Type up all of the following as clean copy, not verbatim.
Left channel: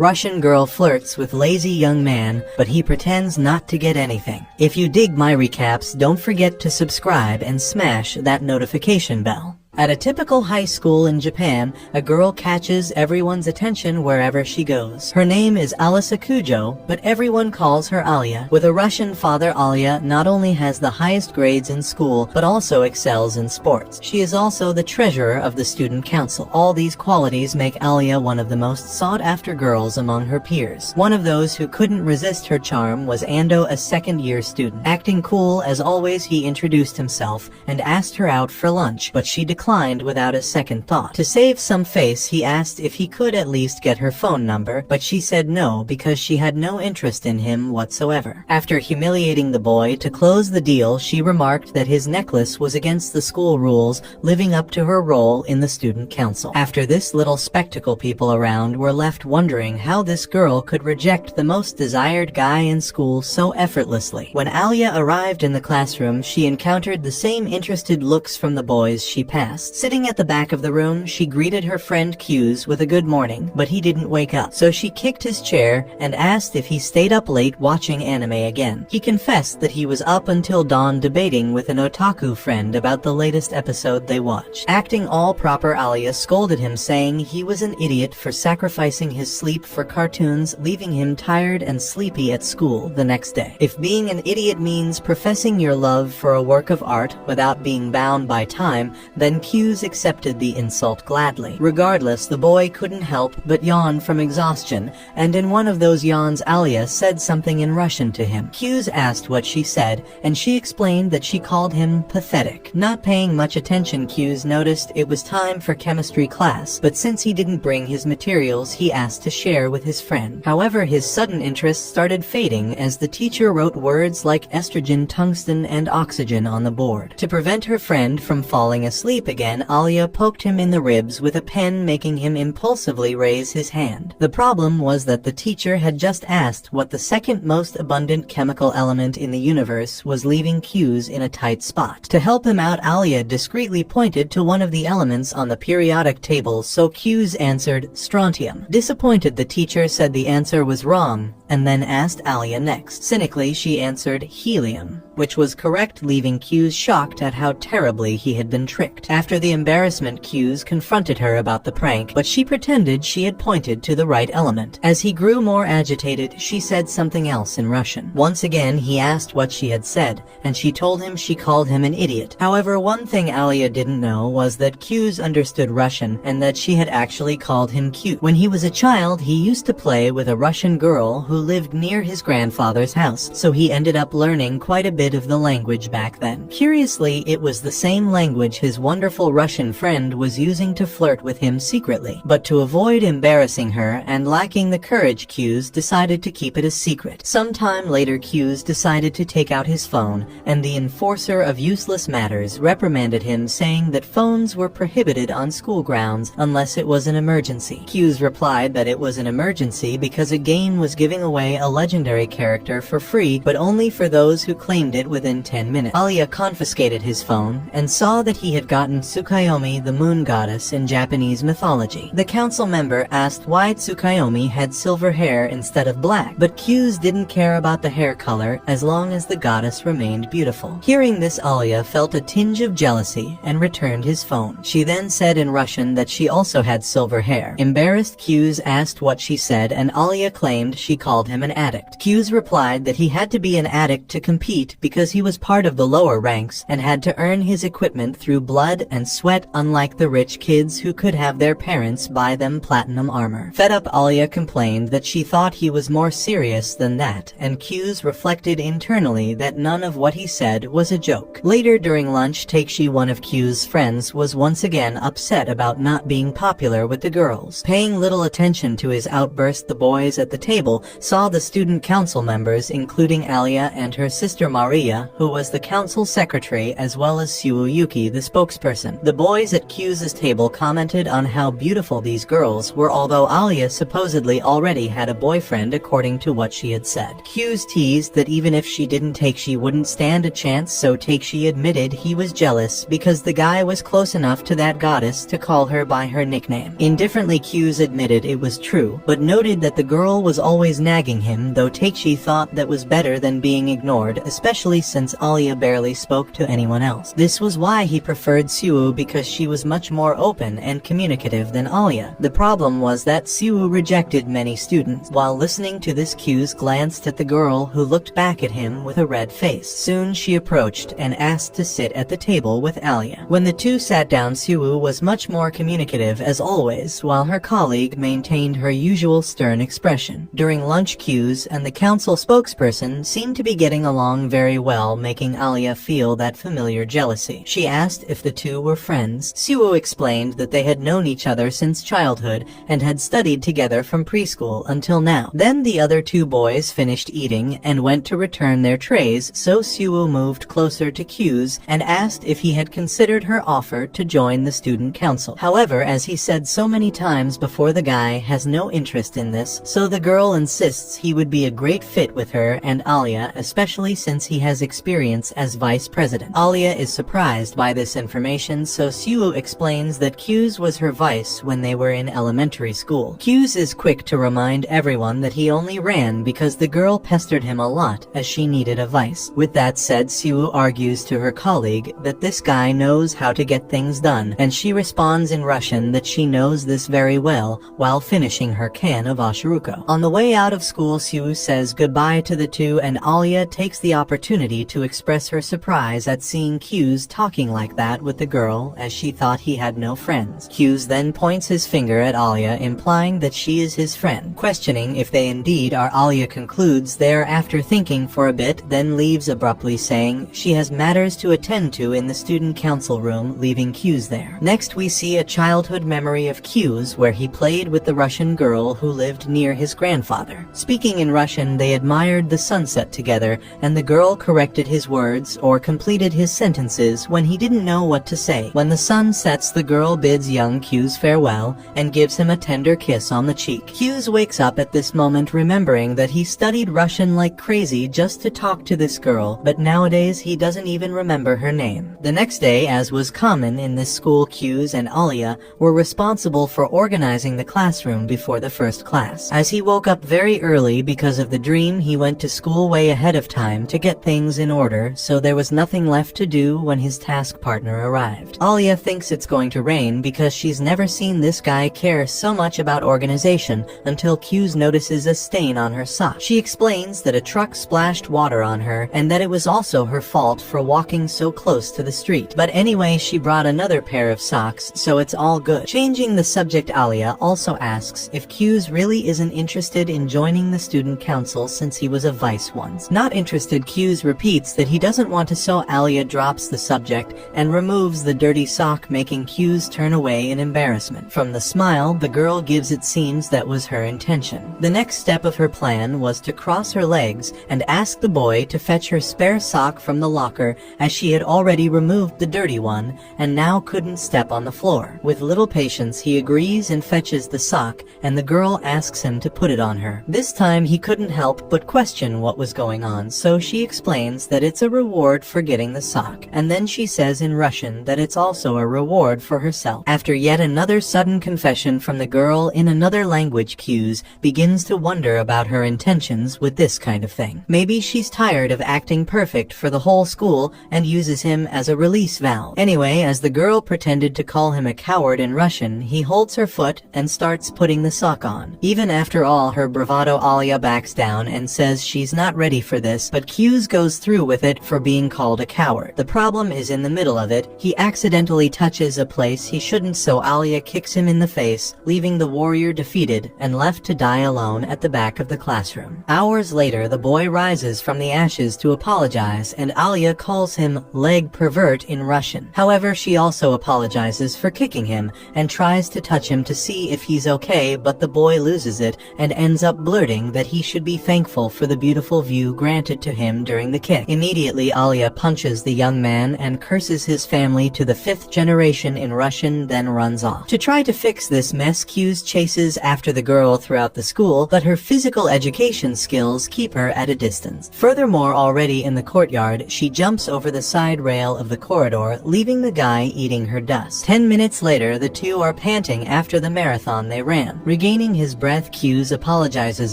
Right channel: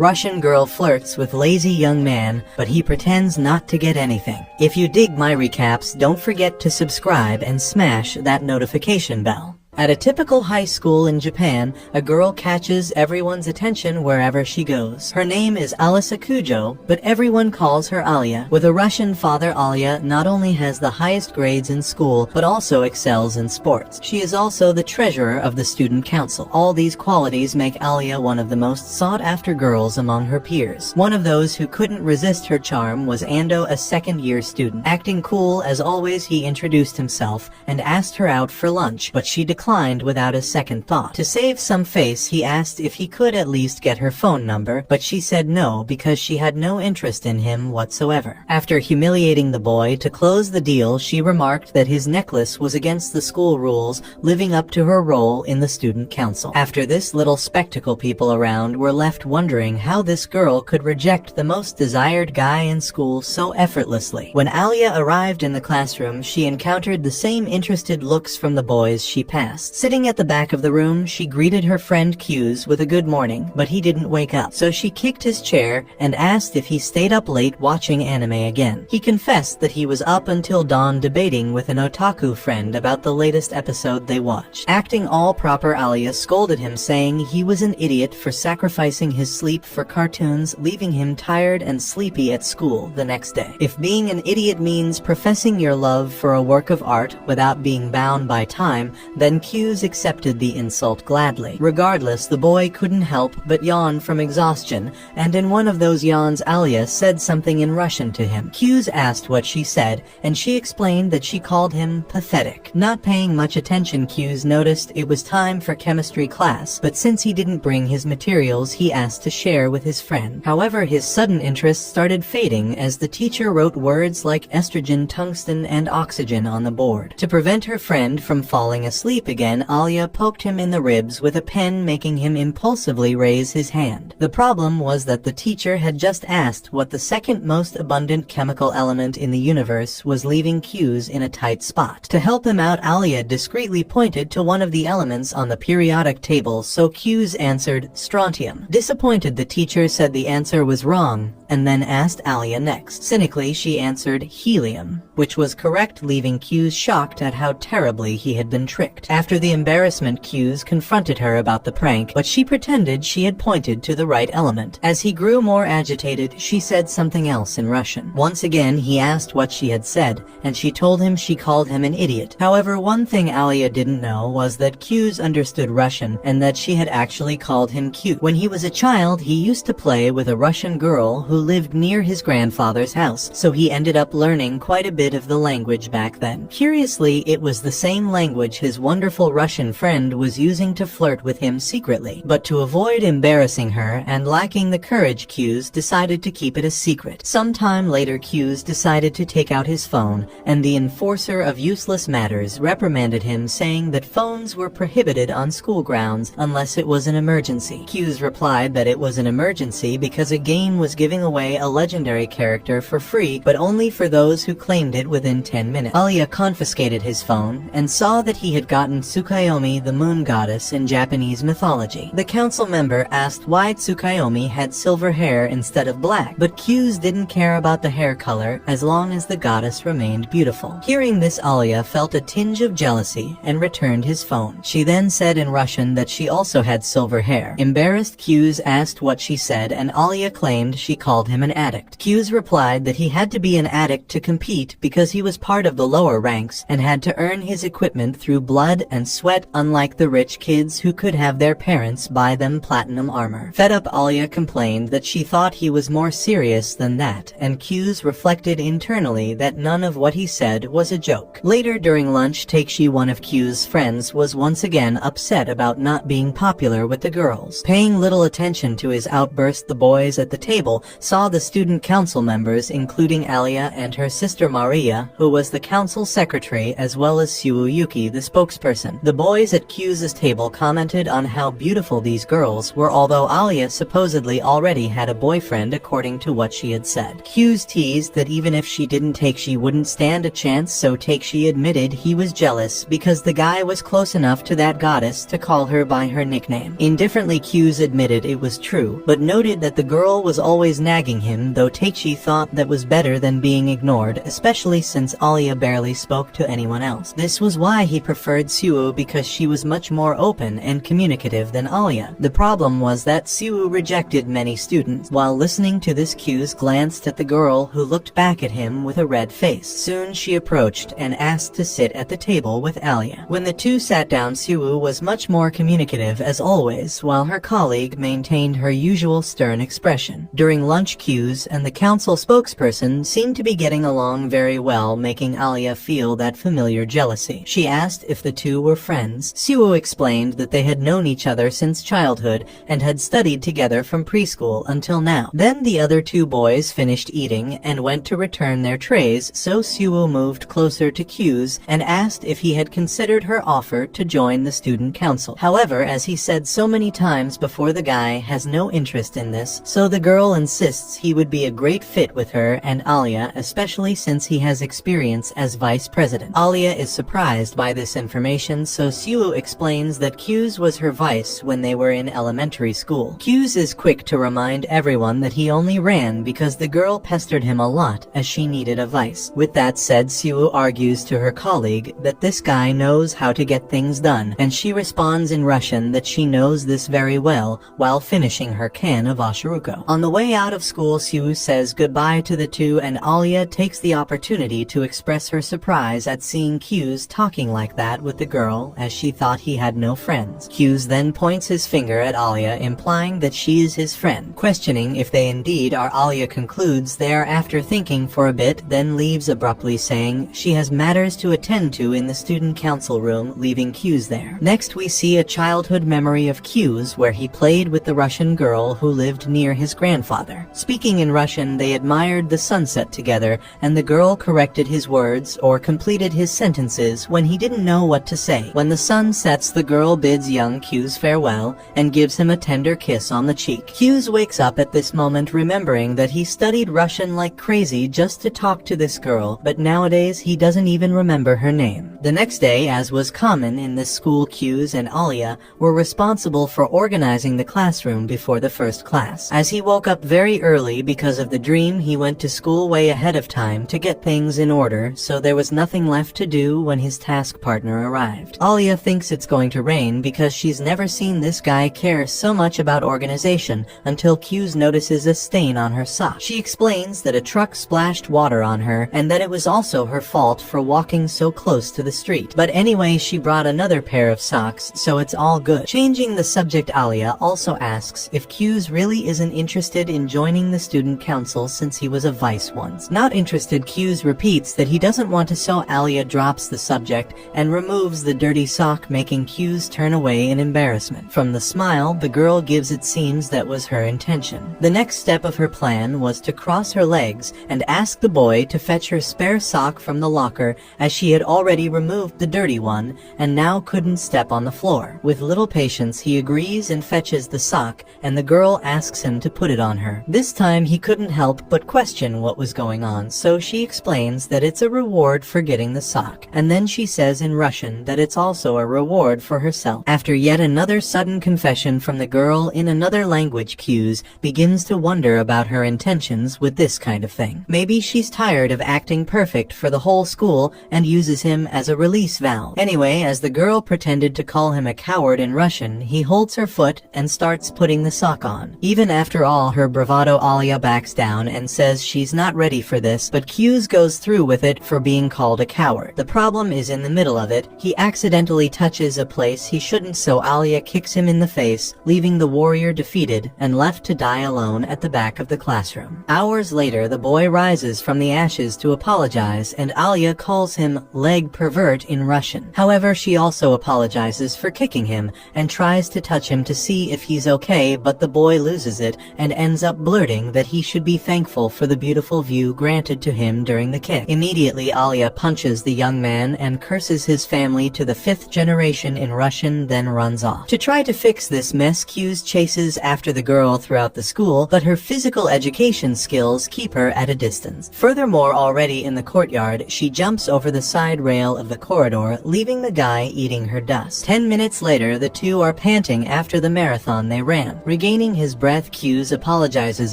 Russian girl flirts with lazy young man, but he pretends not to get anything. If you dig my recaps, don't forget to subscribe and smash that notification bell. At a typical high school in Japan, a girl catches everyone's attention wherever she goes. Her name is Alisa Kujo, but everyone calls her Alya. With a Russian father, Alya not only has the highest grades in school, but also excels in sports. She is also the treasurer of the student council. All these qualities make Alya one of the most sought-after girls among her peers. One of those who couldn't resist her charm was Ando, a second-year student. Acting cool as always, he introduced himself and asked her out for lunch, but she declined without a second thought. To save some face, he asked if he could at least get her phone number, but she said no because she had no interest in him whatsoever. After humiliating the boy, to close the deal, she remarked that his necklace was against the school rules, living up to her role in the student council. After this little spectacle, people around were left wondering how this girl could reject the most desired guy in school so effortlessly. When Alya arrived in the classroom, she encountered the same interested looks from the boys she passed. Sitting at the back of the room, she greeted her friend Q's with a good morning, but he didn't wake up. So she kicked his chair and asked if he stayed up late watching anime again. He confessed that he was up until dawn debating with an otaku friend about the latest episode they watched. Acting all proper, Alya scolded him, saying he was an idiot for sacrificing his sleep for cartoons, leaving him tired and sleepy at school the next day. If being an idiot means professing your love for a work of art without being bound by time, then Q's accepted the insult gladly. Regardless, the boy couldn't help but yawn from exhaustion, and in one of those yawns, Alya said something in Russian to him. Q's asked what she said, and she explained that she called him pathetic. Not paying much attention, Q's noticed it was time for chemistry class, but since he didn't bring his materials, he asked to share with his friend. However, his sudden interest started fading as the teacher wrote words like estrogen, tungsten, and oxygen on the board. To prevent her friend from falling asleep again, Alya poked him in the ribs with a pen, making him impulsively raise his hand. The problem was that the teacher had just asked what the second most abundant chemical element in the universe was, leaving Q's in a tight spot. To help him out, Alya discreetly pointed to one of the elements on the periodic table, so Q's answered strontium. Disappointed, the teacher said the answer was wrong, and then asked Alya next. Cynically, she answered helium, which was correct, leaving Q's shocked at how terribly he had been tricked. After the embarrassment, Q's confronted her about the prank, but she pretended she had pointed to the right element. As he grew more agitated, she said something else in Russian. Once again, he asked what she had said, and she told him she called him an idiot. However, one thing Alya didn't know was that Q's understood Russian, and that she had actually called him cute. When he was a child, he used to play with a Russian girl who lived near his grandfather's house, so he ended up learning quite a bit of the language back then. Curiously, it was the same language his wonderful Russian friend was using to flirt with him secretly. But to avoid embarrassing her and lacking the courage, Q's decided to keep it a secret. Sometime later, Q's decided to take out his phone, and the enforcer of useless matters reprimanded him, saying that phones were prohibited on school grounds unless it was an emergency. Q's replied that it was an emergency because a game was giving away a legendary character for free, but only for those who claimed it within 10 minutes. Alya confiscated his phone and saw that he had gotten Tsukuyomi, the moon goddess in Japanese mythology. The council member asked why Tsukuyomi had silver hair instead of black, but Q's didn't care about the hair color as long as the goddess remained beautiful. Hearing this, Alya felt a tinge of jealousy and returned his phone. She then said in Russian that she also had silver hair. Embarrassed, Q's asked what she said, and Alya claimed she called him an addict. Q's replied that he had to be an addict to compete because he was part of the lower ranks and had to earn his equipment through blood and sweat, unlike the rich kids who could have their parents buy them platinum armor. Fed up, Alya complained that she thought he was more serious than that, and Q's reflected internally that none of what he said was a joke. Later during lunch, Takeshi, one of Q's friends, was once again upset about not being popular with the girls. Paying little attention to his outburst, the boys at the table saw the student council members including Alya and her sister Maria, who was the council secretary, as well as Yuki, the spokesperson. The boys at Q's table commented on how beautiful these girls were, although Alya supposedly already had a boyfriend according to what she had said. Q's teased that even if she didn't take, she wouldn't stand a chance, so she admitted he was jealous because the guy was close enough to that goddess to call her by her nickname. Indifferently, Q's admitted it was true, but noted that the girl was always nagging him, though Takeshi thought that was better than being ignored, especially since Alya barely spoke to anyone else. This was why he preferred Suwoo, because she was much more open and communicative than Alya. The problem was that Suwoo rejected many students. While listening to this, Q's glanced at the girl, who looked back at him with a red face. Soon she approached and asked to sit at the table with Alya. When the two sat down, Suwoo was much more communicative as always, while her colleague maintained her usual stern expression. During lunch, Q's and the council spokesperson seemed to be getting along very well, making Alya feel that familiar jealousy. She asked if the two were friends. Suwoo explained that they had known each other since childhood and had studied together from preschool until now. Then the other two boys finished eating and went to return their trays, so Suwoo moved closer to Q's and asked if he had considered her offer to join the student council. However, as he said so many times before, the guy has no interest in this, so the girl insists he would be a great fit with her and Alya, especially since he has experience as vice president. Alya is surprised by this information, so Suwoo explains that Q's was her vice when they were in elementary school. Q's is quick to remind everyone that he only ran because the girl pestered him a lot as she needed a vice. With that said, Suwoo argues to her colleague that this guy knows how to get things done, and she responds in Russian that she knows this very well while finishing her can of ashiruko. On the way out of school, Suwoo says goodbye to the two, and Alya takes the opportunity to express her surprise at seeing Q's talking like that with the girl, as she thought he had no friends. Q's then points his finger at Alya, implying that she is his friend. Questioning if they indeed are, Alya concludes they are after thinking for a bit, then leaves abruptly, saying she has matters to attend to in the student council room, leaving Q's there. Next, we see a childhood memory of Q's where he played with the Russian girl who lived near his grandfather. Speaking in Russian, they admired the sunset together, and the girl corrected his words or completed his sentences when he didn't know what to say. When the sun sets, the girl bids young Q's farewell and gives him a tender kiss on the cheek. Q's wakes up at this moment, remembering that he studied Russian like crazy just to talk to this girl, but nowadays he doesn't even remember her name. The next day, as was common in this school, Q's and Alya were responsible for organizing the classroom before the first class. As he woke up very early because of the dream, he went to school way ahead of time to get things in order, so there was nothing left to do when his task partner arrived. Alya thinks it's going to rain because she's never seen this guy care so much about organization until Q's notices a stain on her sock. She explains that a truck splashed water on her and that it was also her fault for walking so close to the street. But anyway, she brought another pair of socks, so it's all good. Changing the subject, Alya also asks if Q's really isn't interested in joining the student council since he was a vice once. Not interested, Q's repeats that he doesn't want to, so Alya drops the subject and removes the dirty sock, making Q's turn away in embarrassment. From the smile the girl gives, it seems that was her intention. The next step of her plan was to cross her legs and ask the boy to fetch her spare sock from the locker, as she had already removed the dirty one and now couldn't step on the floor. With little patience, he agrees and fetches the sock, and the girl asks him to put it on her. This time he couldn't help but question what was going on, so she explains that it's a reward for getting the sock, and then she says in Russian that it's also a reward for herself. After yet another sudden confession from the girl in another language, Q's begins to wonder about her intentions with this kind of thing. Maybe she's tired of acting perfect for the whole school and uses him as a release valve. Anyway, as the girl pretended to call him a coward in Russian, he holds her foot and starts putting the sock on. Even after all her bravado, Alya backs down and says she's not ready for this, but Q's goes through with it for being called a coward. The problem is in the middle of it, he accidentally touches a place he shouldn't, so Alya kicks him in the face, leaving the warrior defeated and left to die alone at the back of the classroom. Hours later, the boy rises from the ashes to apologize, and Alya calls him leg pervert in Russian. However, she also apologizes for kicking him and tries to touch him to see if he's okay, but the boy loses it and ends up blurry flirting that he should be thankful for the beautiful view granted to him during the kick. Immediately, Alya punches the young man and curses his family to the 5th generation in Russian, then runs off. To try to fix this mess, Q's chases after the girl throughout the school, but her physical education skills keep her at a distance. Furthermore, already in the courtyard, she jumps over the side rail of the corridor, leaving the guy eating her dust. 10 minutes later, the two are panting after the marathon they ran. Regaining his breath, Q's apologizes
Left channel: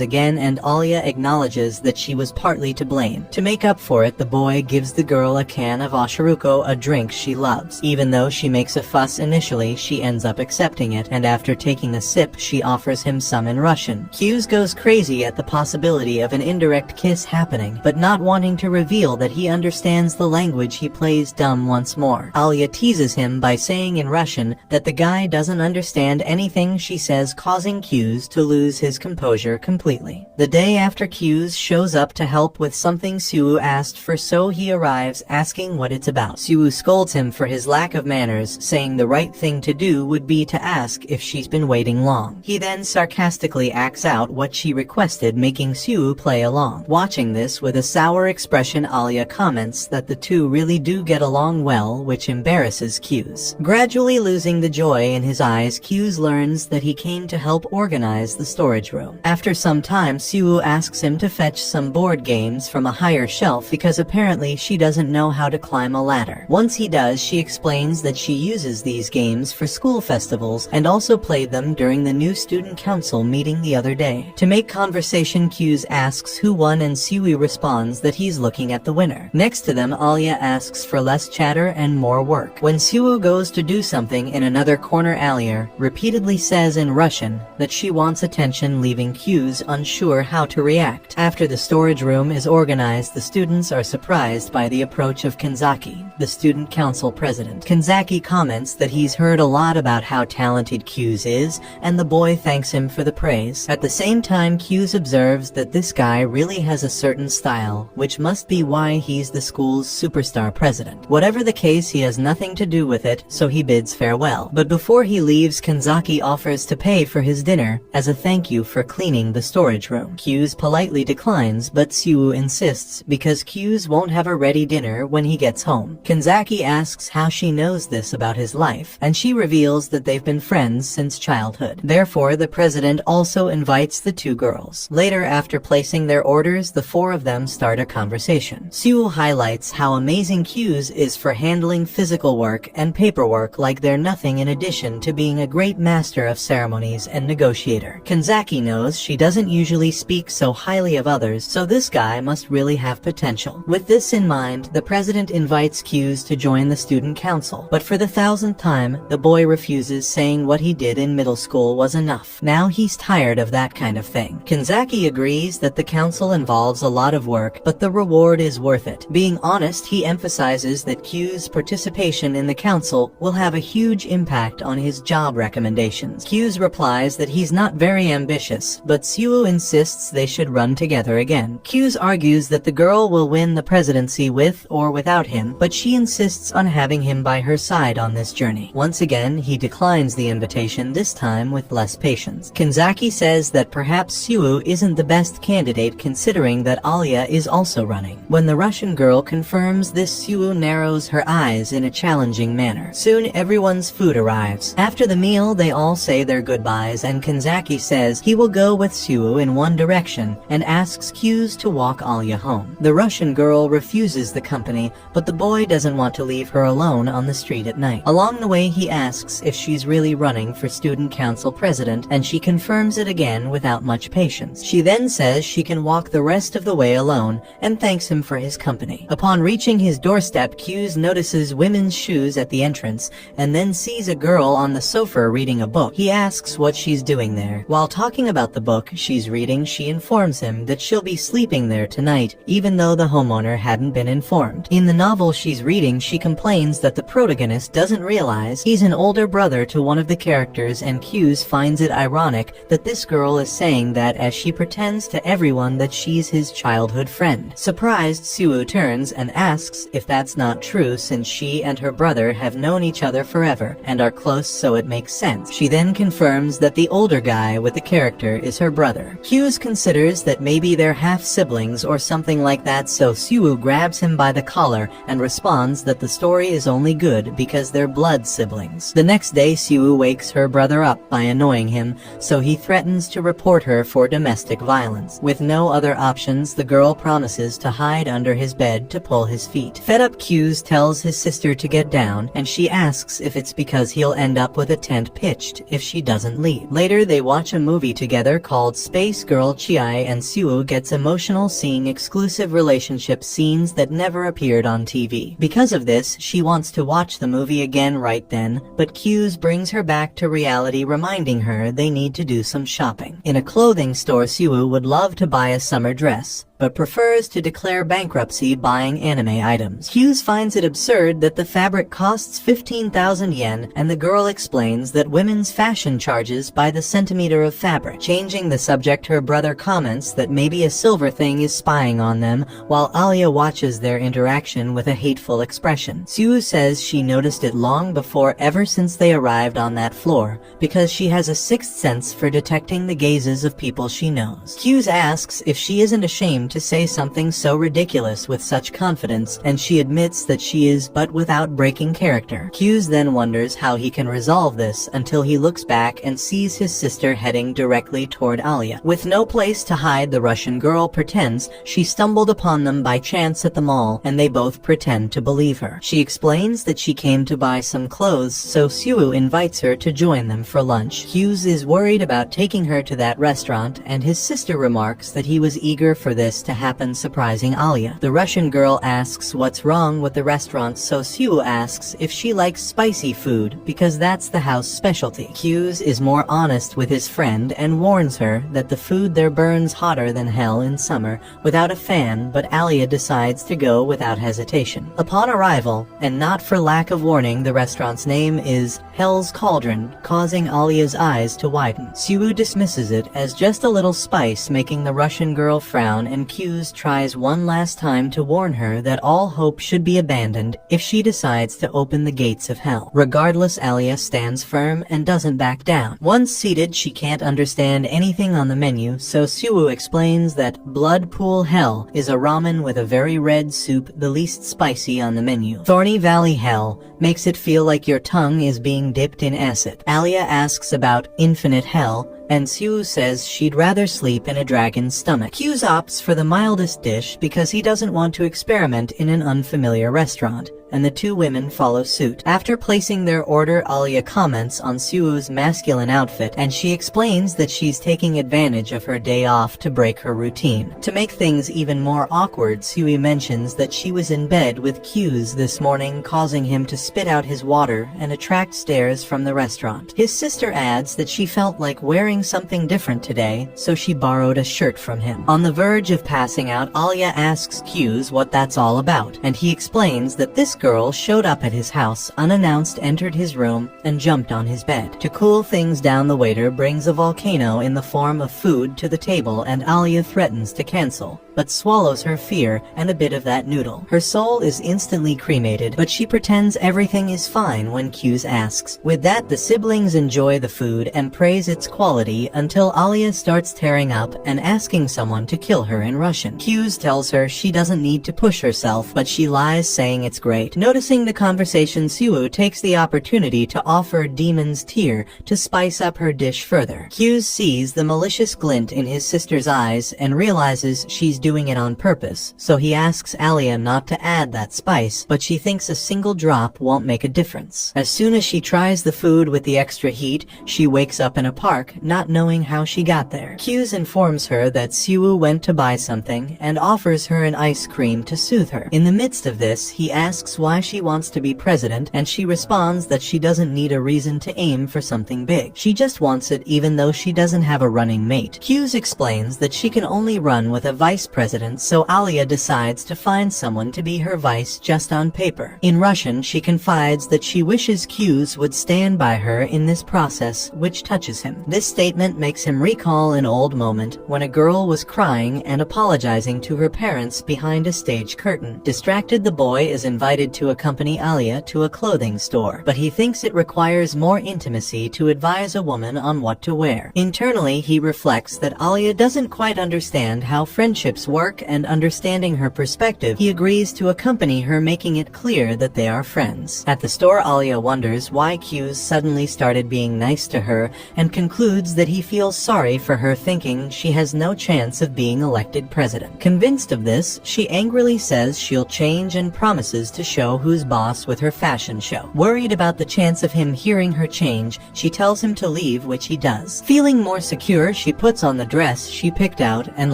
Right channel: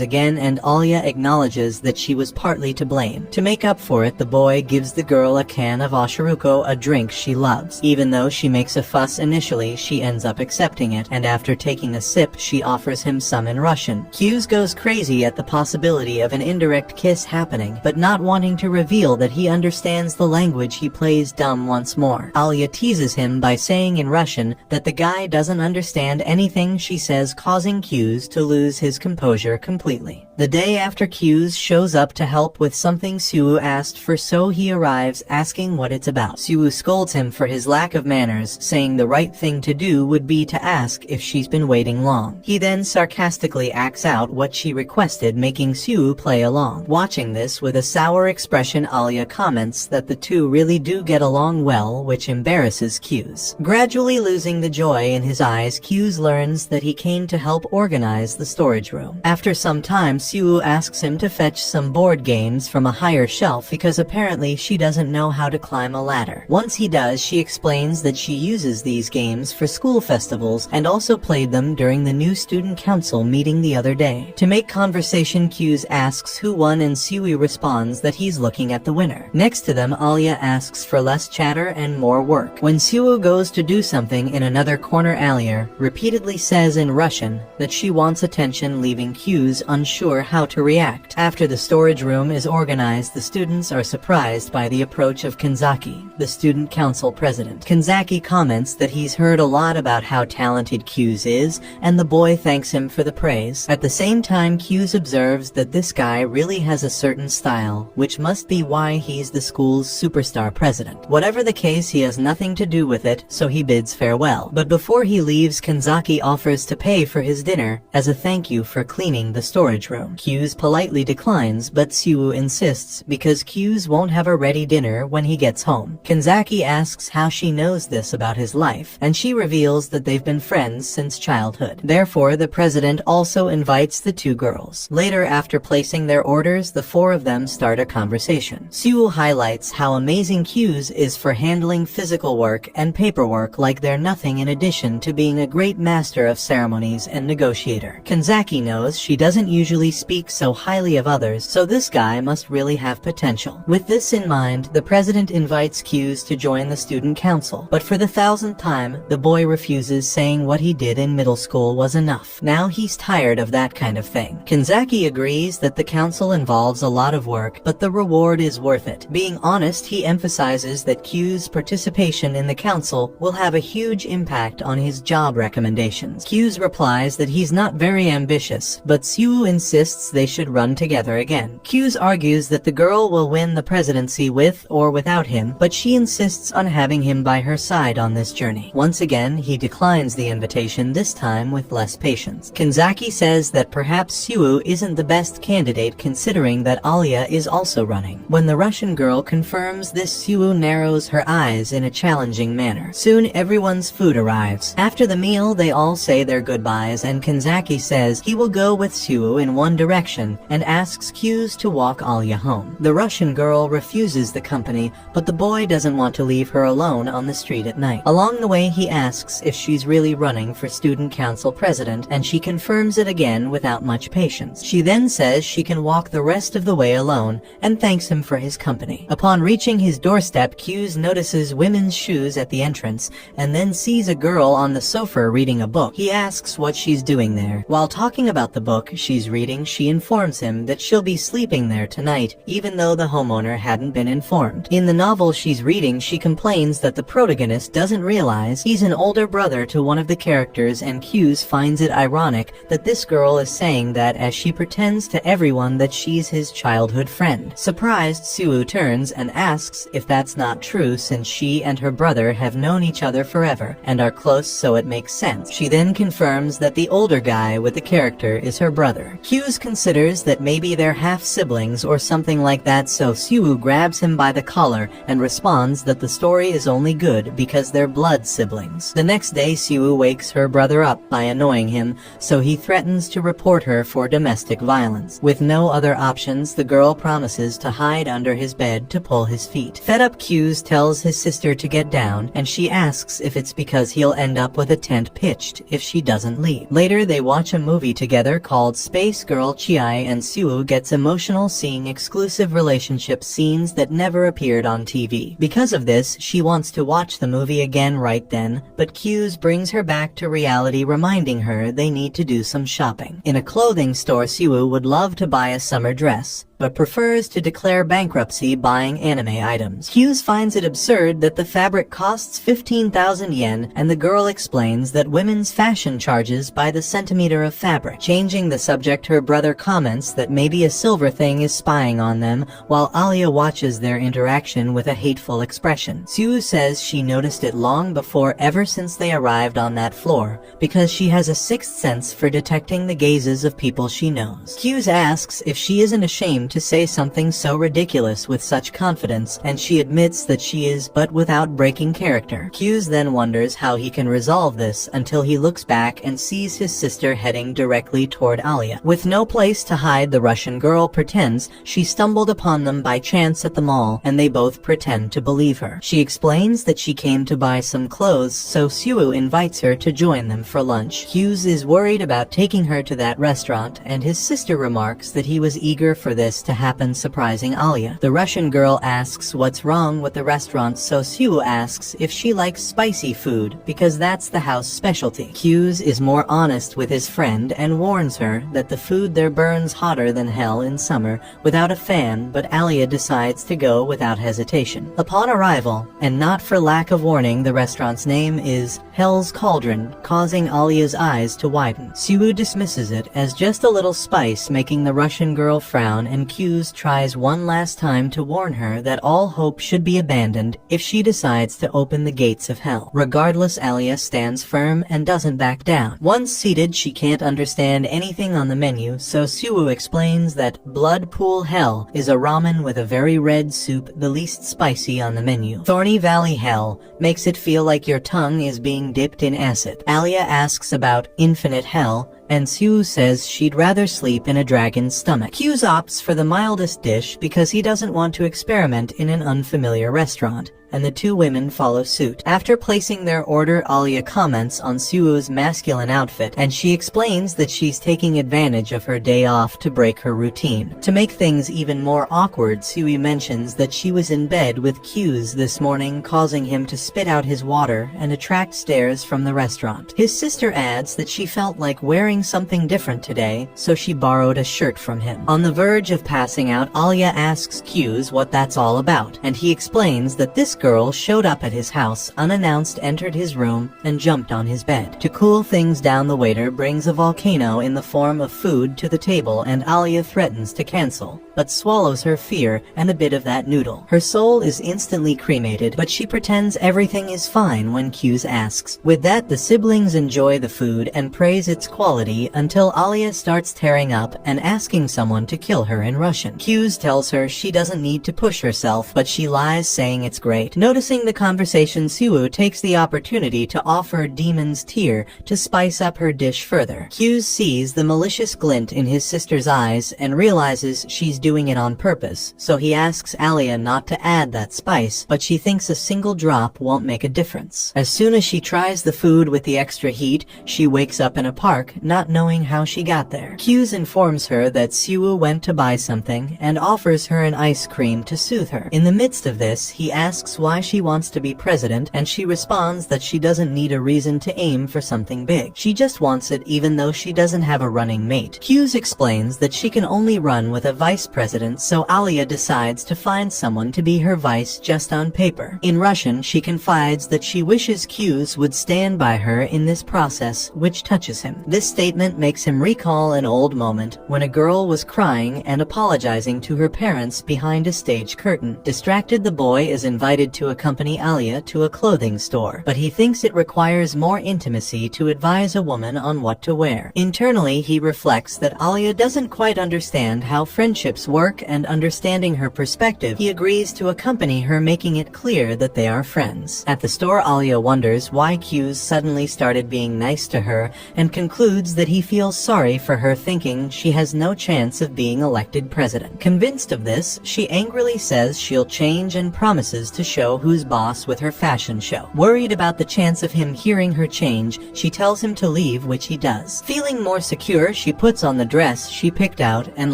again, and Alya acknowledges that she was partly to blame. To make up for it, the boy gives the girl a can of oshiruko, a drink she loves. Even though she makes a fuss initially, she ends up accepting it, and after taking a sip, she offers him some in Russian. Q's goes crazy at the possibility of an indirect kiss happening, but not wanting to reveal that he understands the language, he plays dumb once more. Alya teases him by saying in Russian that the guy doesn't understand anything she says, causing Q's to lose his composure completely. The day after, Q's shows up to help with something Suwoo asked for, so he arrives asking what it's about. Suwoo scolds him for his lack of manners, saying the right thing to do would be to ask if she's been waiting long. He then sarcastically acts out what she requested, making Suwoo play along. Watching this with a sour expression, Alya comments that the two really do get along well, which embarrasses Q's. Gradually losing the joy in his eyes, Q's learns that he came to help organize the storage room. After some time, Suwoo asks him to fetch some board games from a higher shelf because apparently she doesn't know how to climb a ladder. Once he does, she explains that she uses these games for school festivals and also played them during the new student council meeting the other day. To make conversation, Q's asks who won, and Suwoo responds that he's looking at the winner. Next to them, Alya asks for less chatter and more work. When Suwoo goes to do something in another corner, Alya repeatedly says in Russian that she wants attention, leaving Q's unsure how to react. After the storage room is organized, the students are surprised by the approach of Kanzaki, the student council president. Kanzaki comments that he's heard a lot about how talented Q's is, and the boy thanks him for the praise. At the same time, Q's observes that this guy really has a certain style, which must be why he's the school's superstar president. Whatever the case, he has nothing to do with it, so he bids farewell. But before he leaves, Kanzaki offers to pay for his dinner as a thank you for cleaning the storage room. Q's politely declines, but Suwoo insists because Q's won't have a ready dinner when he gets home. Kanzaki asks how she knows this about his life, and she reveals that they've been friends since childhood. Therefore, the president also invites the two girls. Later, after placing their orders, the four of them start a conversation. Suwoo highlights how amazing Q's is for handling physical work and paperwork like they're nothing, in addition to being a great master of ceremonies and negotiator. Kanzaki knows she doesn't usually speak so highly of others, so this guy must really have potential. With this in mind, the president invites Q's to join the student council, but for the 1000th time, the boy refuses, saying what he did in middle school was enough. Now he's tired of that kind of thing. Kanzaki agrees that the council involves a lot of work, but the reward is worth it. Being honest, he emphasizes that Q's participation in the council will have a huge impact on his job recommendations. Q's replies that he's not very ambitious, but Suwoo insists they should run together again. Q's argues that the girl will win the presidency with or without him, but she insists on having him by her side on this journey. Once again, he declines the invitation, this time with less patience. Kanzaki says that perhaps Suwoo isn't the best candidate considering that Alya is also running. When the Russian girl confirms this, Suwoo narrows her eyes in a challenging manner. Soon everyone's food arrives. After the meal, they all say their goodbyes, and Kanzaki says he will go with Suwoo in one direction and asks Q's to walk Alya home. The Russian girl refuses the company, but the boy doesn't want to leave her alone on the street at night. Along the way, he asks if she's really running for student council president, and she confirms it again without much patience. She then says she can walk the rest of the way alone and thanks him for his company. Upon reaching his doorstep, Q's notices women's shoes at the entrance and then sees a girl on the sofa reading a book. He asks what she's doing there. While talking about the book she's reading, she informs him that she'll be sleeping there tonight, even though the homeowner hadn't been informed. In the novel she's reading, she complains that the protagonist doesn't realize he's an older brother to one of the characters, and Q's finds it ironic that this girl is saying that as she pretends to everyone that she's his childhood friend. Surprised, Suwoo turns and asks if that's not true, since she and her brother have known each other forever and are close, so it makes sense. She then confirms that the older guy with the character is her brother. brother. Hughes considers that maybe they're half-siblings or something like that, so Siwoo grabs him by the collar and responds that the story is only good because they're blood siblings. The next day, Siwoo wakes her brother up by annoying him, so he threatens to report her for domestic violence. With no other options, the girl promises to hide under his bed to pull his feet. Fed up, Hughes tells his sister to get down, and she asks if it's because he'll end up with a tent pitched if she doesn't leave. Later, they watch a movie together called Space Girl Chiai, and Siwoo gets emotional seeing exclusive relationship scenes that never appeared on TV. Because of this, she wants to watch the movie again right then, but Hughes brings her back to reality, reminding her they need to do some shopping. In a clothing store, Siwoo would love to buy a summer dress, but prefers to declare bankruptcy buying anime items. Hughes finds it absurd that the fabric costs 15,000 yen, and the girl explains that women's fashion charges by the centimeter of fabric. Changing the subject, her brother comments that maybe a silver thing is spying on them, while Alya watches their interaction with a hateful expression. Siwoo says she noticed it long before, ever since they arrived on that floor, because she has a sixth sense for detecting the gazes of people she knows. Hughes asks if she isn't ashamed to say something so ridiculous with such confidence, and she admits that she is, but without breaking character. Hughes then wonders how he can resolve this until he looks back and sees his sister heading directly toward Alya. With no place to hide, the Russian girl pretends she stumbled upon them by chance at the mall, and they both pretend to believe her. She explains that she came to buy some clothes, so Siwoo invites her to join them for lunch. Hughes is worried about taking her to that restaurant, and his sister remarks that he was eager for this to happen, surprising Alya. The Russian girl asks what's wrong with the restaurant, so Siwoo asks if she likes spicy food, because that's the house specialty. Hughes is more honest with his friend and warns her that the food there burns hotter than hell in summer without a fan, but Alya decides to go without hesitation. Upon arrival, and not for lack of warning, the restaurant's name is Hell's Cauldron, causing Alya's eyes to widen. Siwoo dismisses it as just a little spice, making the Russian girl frown, and Hughes tries one last time to warn her that all hope should be abandoned if she decides to open the gates of hell. Regardless, Alya stands firm and doesn't back down. Once seated, she can't understand anything on the menu, so Siwoo explains that Blood Pool Hell is a ramen with a very red soup, the least spicy on the menu. Thorny Valley Hell makes it feel like your tongue is being dipped in acid. Alya asks about Infinite Hell, and Siwoo says she'd rather sleep in a dragon's stomach. Hughes opts for the mildest dish because he doesn't want to experiment in an unfamiliar restaurant, and the two women follow suit. After placing their order, Alya comments on Siwoo's masculine outfit, and she explains that she's taking advantage of her day off to break her routine. To make things even more awkward, Siwoo mentions that she was in bed with Hughes this morning, causing him to spit out his water and attract stares from the restaurant. His sister adds that she felt like wearing something different today, so she borrowed a shirt from him. On the verge of passing out, Alya asks Hughes what that's all about, and he explains that this girl showed up at his house unannounced, entered his room, and jumped on his bed. To cool things down, the waiter brings a volcano in the form of food to the table, and Alya threatens to cancel, but swallows her fear and a bit of that noodle. Her soul is instantly cremated, but she pretends everything is fine when Hughes asks. With that, the siblings enjoy the food and praise its quality until Alya starts tearing up and asking someone to kill her in Russian. Hughes tells her she doesn't need to push herself, but she lies, saying it's great. Noticing the conversation, Siwoo takes the opportunity to offer Demon's Tear to spice up her dish further. Hughes sees the malicious glint in his sister's eyes and realizes she's doing it on purpose, so he asks Alya not to add that spice, but she thinks a single drop won't make a difference. As soon as she tries the food with the extra heat, she wakes up in a park, not knowing how she got there. Hughes informs her that Siwoo went to buy something and offers her an ice cream to soothe her. In the midst of this, he asks why she wants to be president, and she responds that she doesn't need a reason to aim for something big. She just wants it even though she doesn't have a running mate. Hughes explains that she can only run with a vice president, so Alya decides to find someone to be her vice just on paper. In Russian, she confides that she wishes Hughes would stand by her in this process, which touches him. This statement makes him recall an old moment when a girl was crying and apologizing to her parents behind a stage curtain. Distracted, the boy is invited excited to accompany Alya to a clothing store, but he thinks it requires more intimacy to advise a woman on what to wear. Internally, he reflects that Alya doesn't quite understand how friendships work, and understanding her perspective, he agrees to accompany her, making it clear that they are friends. At the store, Alya wonders why Q's suddenly started being nice to her, and concludes that he feels sorry for her, thinking she has no chance of being elected president. Convinced of this, she angrily says she'll change and promises to show who's boss with her fashion show. Worried about the chance of him hearing her change, she tells him to leave, which he does. Feeling more secure, she puts on the dress she picked out and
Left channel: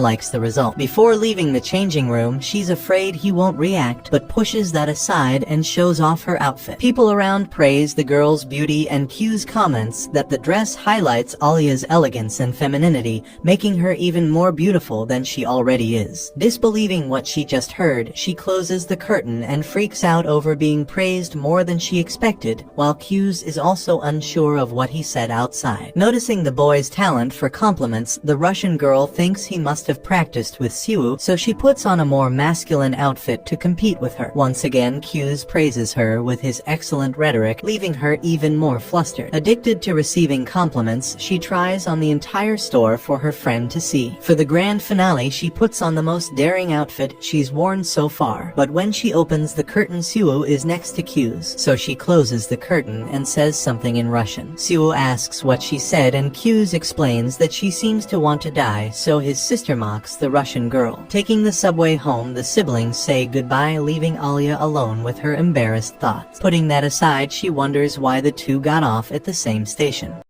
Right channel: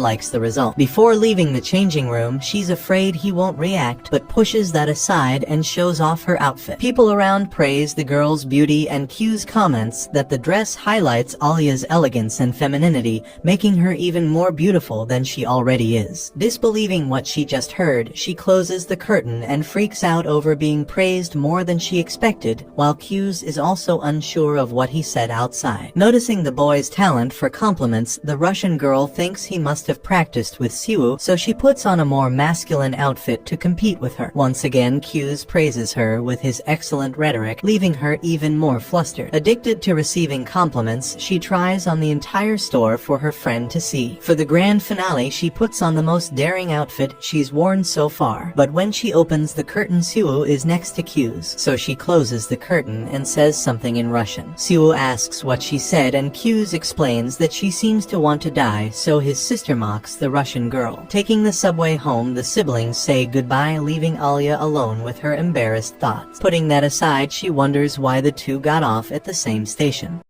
likes the result. Before leaving the changing room, she's afraid he won't react, but pushes that aside and shows off her outfit. People around praise the girl's beauty, and Q's comments that the dress highlights Alya's elegance and femininity, making her even more beautiful than she already is. Disbelieving what she just heard, she closes the curtain and freaks out over being praised more than she expected, while Q's is also unsure of what he said outside. Noticing the boy's talent for compliments, the Russian girl thinks he must have practiced with Siwoo, so she puts on a more masculine outfit to compete with her. Once again, Q's praises her with his excellent rhetoric, leaving her even more flustered. Addicted to receiving compliments, she tries on the entire store for her friend to see. For the grand finale, she puts on the most daring outfit she's worn so far, but when she opens the curtain, Siwoo is next to Q's, so she closes the curtain and says something in Russian. Siwoo asks what she said, and Q's explains that she seems to want to die, so his sister mocks the Russian girl. Taking the subway home, the siblings say goodbye, leaving Alya alone with her embarrassed thoughts. Putting that aside, she wonders why the two got off at the same station.